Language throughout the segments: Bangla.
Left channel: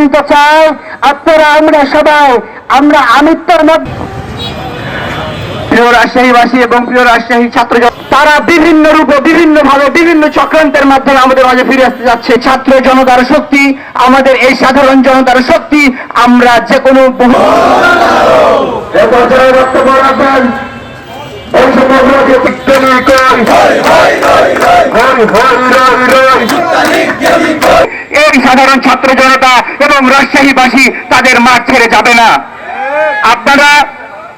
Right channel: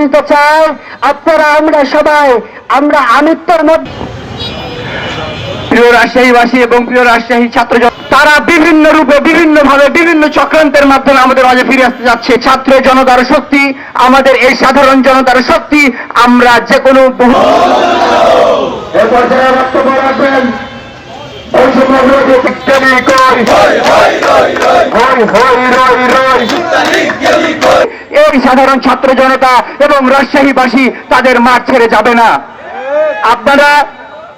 দিতে চাই। আপনারা, আমরা সবাই, আমরা আমিত্বর মধ্যে প্রিয় রাজশাহীবাসী এবং প্রিয় রাজশাহী ছাত্র তারা বিভিন্ন রূপে বিভিন্ন ভাবে বিভিন্ন চক্রান্তের মাধ্যমে আমাদের মাঝে ফিরে আসতে যাচ্ছে। ছাত্র জনতার শক্তি আমাদের এই সাধারণ জনতার শক্তি আমরা যে কোনো বক্তব্য রাখবেন এই সাধারণ ছাত্র জনতা এবং রাজশাহীবাসী তাদের মাঠ ছেড়ে যাবে না। আপনারা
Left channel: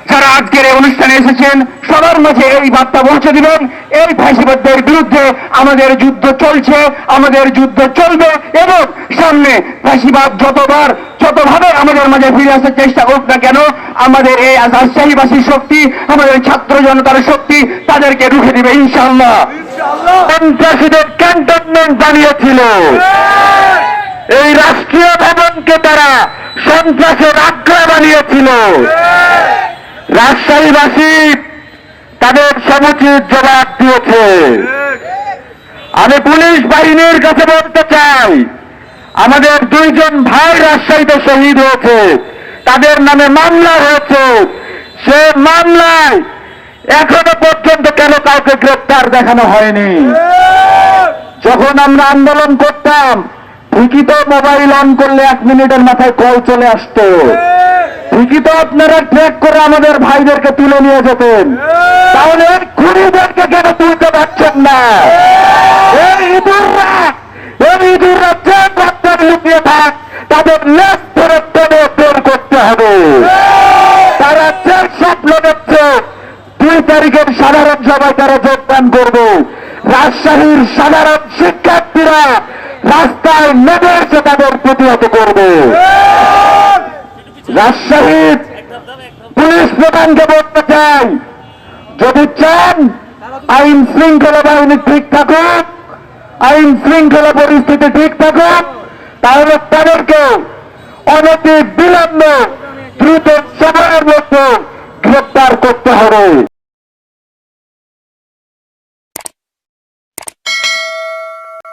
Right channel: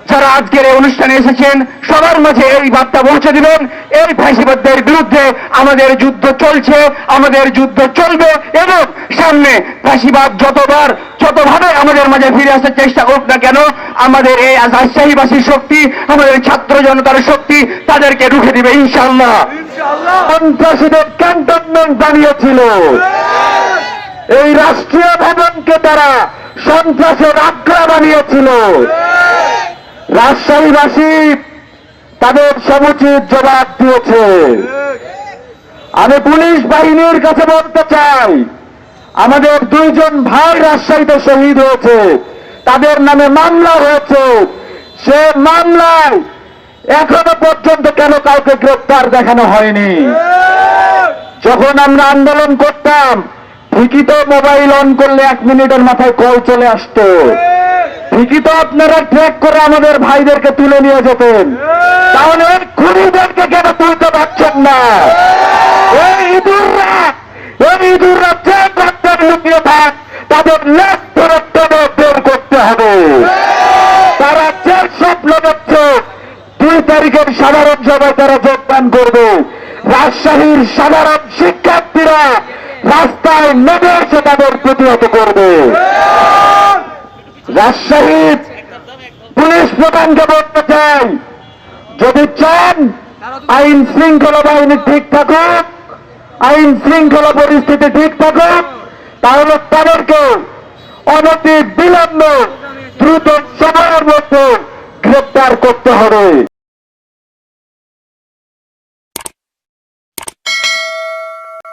যারা আজকের এই অনুষ্ঠানে এসেছেন সবার মাঝে এই বার্তা পৌঁছে দিবেন। এই ফ্যাসিবাদদের বিরুদ্ধে আমাদের যুদ্ধ চলছে আমাদের যুদ্ধ চলবে এবং সামনে ফ্যাসিবাদ যতবার যতভাবে আমাদের মাঝে ফিরে আসার চেষ্টা হোক না কেন আমাদের এই রাজশাহীবাসীর শক্তি আমাদের ছাত্র জনতার শক্তি তাদেরকে রুখে দিবে ইনশাল্লাহ সন্ত্রাসীদের ক্যান্টনমেন্ট বানিয়েছিল। এই রাষ্ট্রীয় ভবনকে তারা সন্ত্রাসের আগ্রা বানিয়েছিল। রাজশাহীবাসী তাদের সমুচিত জবাব দিয়েছে। আমি পুলিশ বাহিনীর কাছে বলতে চাই, আমাদের দুইজন ভাই রাজশাহীতে শহীদ হয়েছে, তাদের নামে মামলা হয়েছে। সে মামলায় এখনও পর্যন্ত কেন কাউকে গ্রেপ্তার দেখানো হয়নি? যখন আমরা আন্দোলন করতাম, ঠিকই তো মোবাইল অন করলে এক মিনিটের মাথায় কল চলে আসতো। তো আপনারা ট্রেক করে আমাদের ভাইদেরকে তুলে নিয়ে যেতেন, তাহলে ওই খুনিদেরকে কেন তুলতে পারছেন না? তাদের নেট ধরে টেনে বের তারিখের সাধারণ সভায় তারা যোগদান করবে। রাজশাহীর সাধারণ শিক্ষার্থীরা রাস্তায় নেমে এসে তাদের প্রতিহত করবে। রাজশাহীর পুলিশ প্রধানকে বলতে চাই, যদি চান, আইন শৃঙ্খলা বাহিনী ঠিক থাকুক, আইন শৃঙ্খলা পরিস্থিতি ঠিক থাকুক, তাহলে তাদেরকে অনতি বিলম্ব দ্রুত সময়ের মধ্যে গ্রেপ্তার করতে হবে।